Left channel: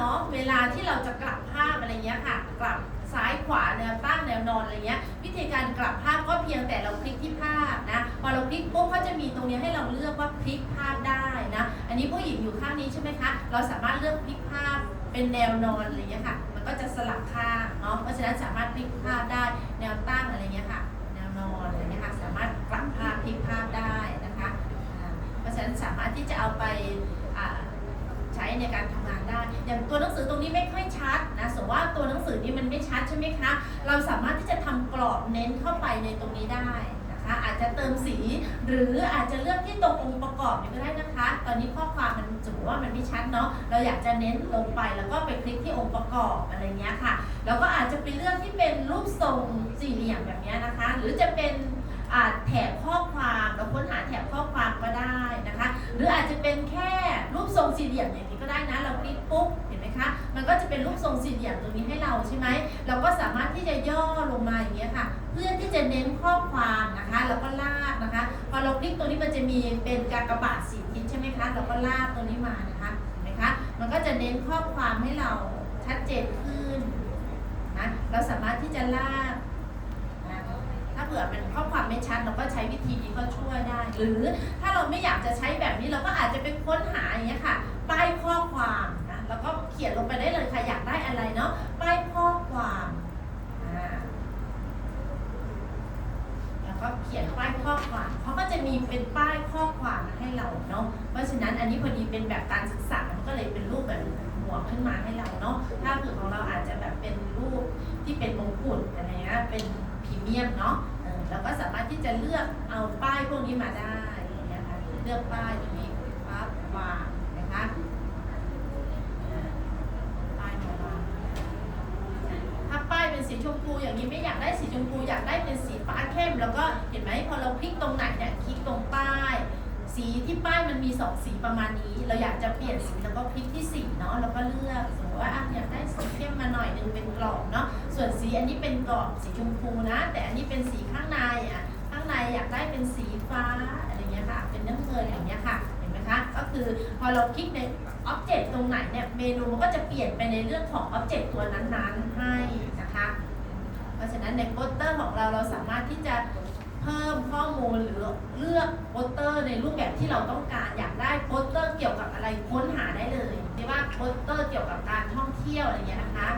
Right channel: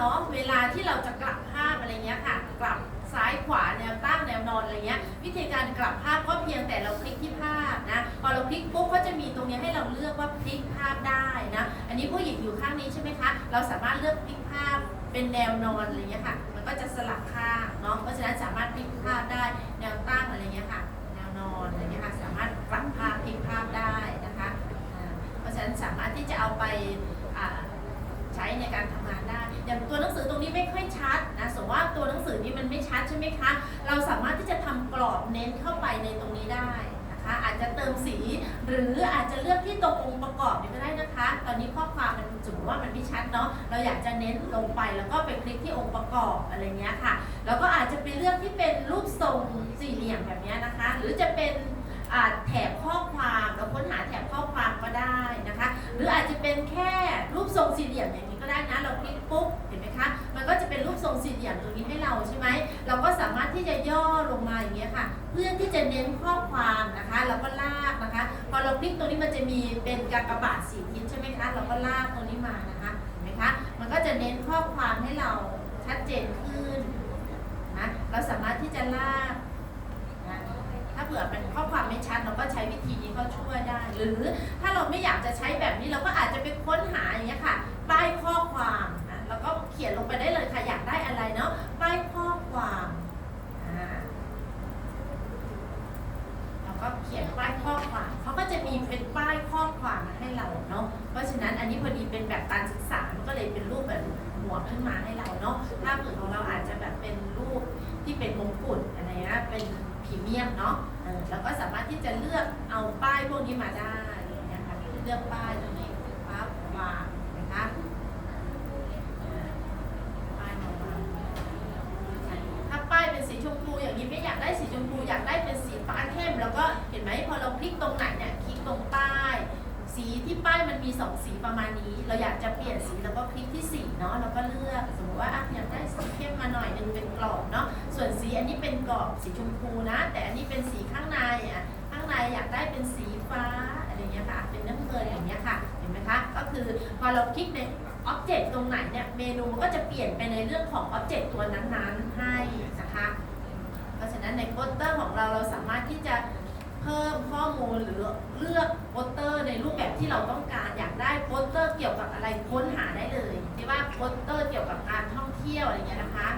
เนาะเวลาที่เราจะกลับภาพอะไรเงี้ยค่ะ กลับซ้ายขวาแนวตั้งแนวนอนอะไรเงี้ยวิธีการกลับภาพก็เพียงแต่เราคลิกที่ภาพนะพอเราคลิกปุ๊บก็จะมีตรงนี้ให้เราเลือกว่าคลิกภาพได้นะอันนี้ผู้หญิงอยู่ข้างนี้ใช่ไหมคะเราสามารถเลือกคลิกภาพเป็นแนวนอนอะไรเงี้ยค่ะ มันก็จะสลับข้างเนาะเพราะฉะนั้นสามารถคลิกภาพได้แนวตั้งอะไรเงี้ยค่ะ แนวนอนอะไรเงี้ยค่ะสามารถกลับภาพคลิกภาพได้นะคะเพราะฉะนั้นสามารถที่จะเอาไปใช้ในการท อย่างตัวหนังสือตรงนี้ไม่ค่อยชัดนะสมมติว่าตัวหนังสือนี้มันไม่ชัดใช่ไหมคะ เราสามารถที่จะทำกรอบเน้นเข้าไปในตรงนี้ได้นะคะ อาจจะเติมสีหรืออาจจะเลือกที่ตรงองค์ประกอบนี่ก็ได้นะคะ ตอนนี้ข้อความมันสมมติว่ามันไม่ชัดเนาะเราอยากจะเน้นลงไปแล้วก็ไปคลิกที่องค์ประกอบอะไรเงี้ยค่ะ แล้วก็อาจจะไปเลือกที่เป็นรูปทรงสี่เหลี่ยมแบบนี้นะคะ หรือจะเป็นแถบข้อความเราค้นหาแถบข้อความก็ได้นะคะ หรืออาจจะเป็นแค่ ทรงสี่เหลี่ยมอย่างนี้ก็ได้นะ เราคลิกปุ๊บเห็นไหมคะ มันก็จะเป็นรูปทรงสี่เหลี่ยมตรงนี้ให้เราใช่ไหม เราก็สามารถที่จะย่อลงมาอย่างเงี้ยค่ะ เพื่อที่จะเน้นข้อความนะคะแล้วก็ลากนะคะ พอเราคลิกตรงนี้มันจะมีเป็นกากบาทสีทิศใช่ไหมคะ เราก็ลากตรงนี้มานะคะเห็นไหมคะ มันก็จะเน้นข้อความให้เราชัดเจนขึ้นนะ เราสามารถที่จะลาก ถ้าเผื่อมันข้อความไม่ชัดเราก็ใช้วิธีนี้ก็ช่วยได้ หรือถ้าเราไม่อยากจะใช้แบบนี้เราก็อาจจะไปค้นหาอย่างเงี้ยค่ะ ป้ายข้อความนะแล้วก็เขียนลงไปได้เลยค่ะอยากได้อะไรเนาะป้ายข้อความแล้วก็เขียนป้ายข้อความเขาก็จะมีเป็นป้ายข้อความให้เราเนาะเพราะฉะนั้นอันนี้พอดีเป็นแบบการศึกษามันก็เลยเป็นรูปแบบหมวกขึ้นมาให้เราเนาะถ้าเกิดของเราอาจจะแบบเป็นรูปที่เป็นมงกุฎอะไรเงี้ยเป็นพรีเมียมเนาะ เราก็สามารถที่จะเลือกเอาป้ายพวกนี้มาได้อย่างเงี้ยค่ะเลือกป้ายตรงนี้ปั๊บวางนะคะป้ายมาวางถ้าป้ายเป็นสีชมพูอย่างนี้ไม่อยากได้สีชมพูอยากได้เป็นสีฟ้าเข้ม แล้วก็เห็นไหมพอเราคลิกตรงไหนเนี่ยคลิกตรงป้าย สีที่ป้ายมันมีสองสีประมาณนี้ เราอยากจะเปลี่ยนสีเราก็คลิกที่สีเนาะแล้วก็เลือกสมมติว่าอะอยากได้สีเข้มมาหน่อยหนึงเป็นกรอบเนาะส่วนสีอันนี้เป็นกรอบสีชมพูนะ แต่อันนี้เป็นสีข้างในอะข้างใน อยากได้เป็นสีฟ้าอะไรเงี้ยค่ะ เป็นน้ำเงินอย่างเงี้ยค่ะ เห็นไหมคะ ก็คือพอเราคลิกในอ็อบเจกต์ตรงไหนเนี่ย เมนูมันก็จะเปลี่ยนไปในเรื่องของอ็อบเจกต์ตัวนั้นๆให้นะคะ เพราะฉะนั้นในโปสเตอร์ของเราเราสามารถที่จะเพิ่มข้อมูลหรือเลือกโปสเตอร์ในรูปแบบที่เราต้องการอยากได้โปสเตอร์เกี่ยวกับอะไรค้นหาได้เลยที่ว่าโปสเตอร์เกี่ยวกับการท่องเที่ยวอะไรเงี้ยนะคะ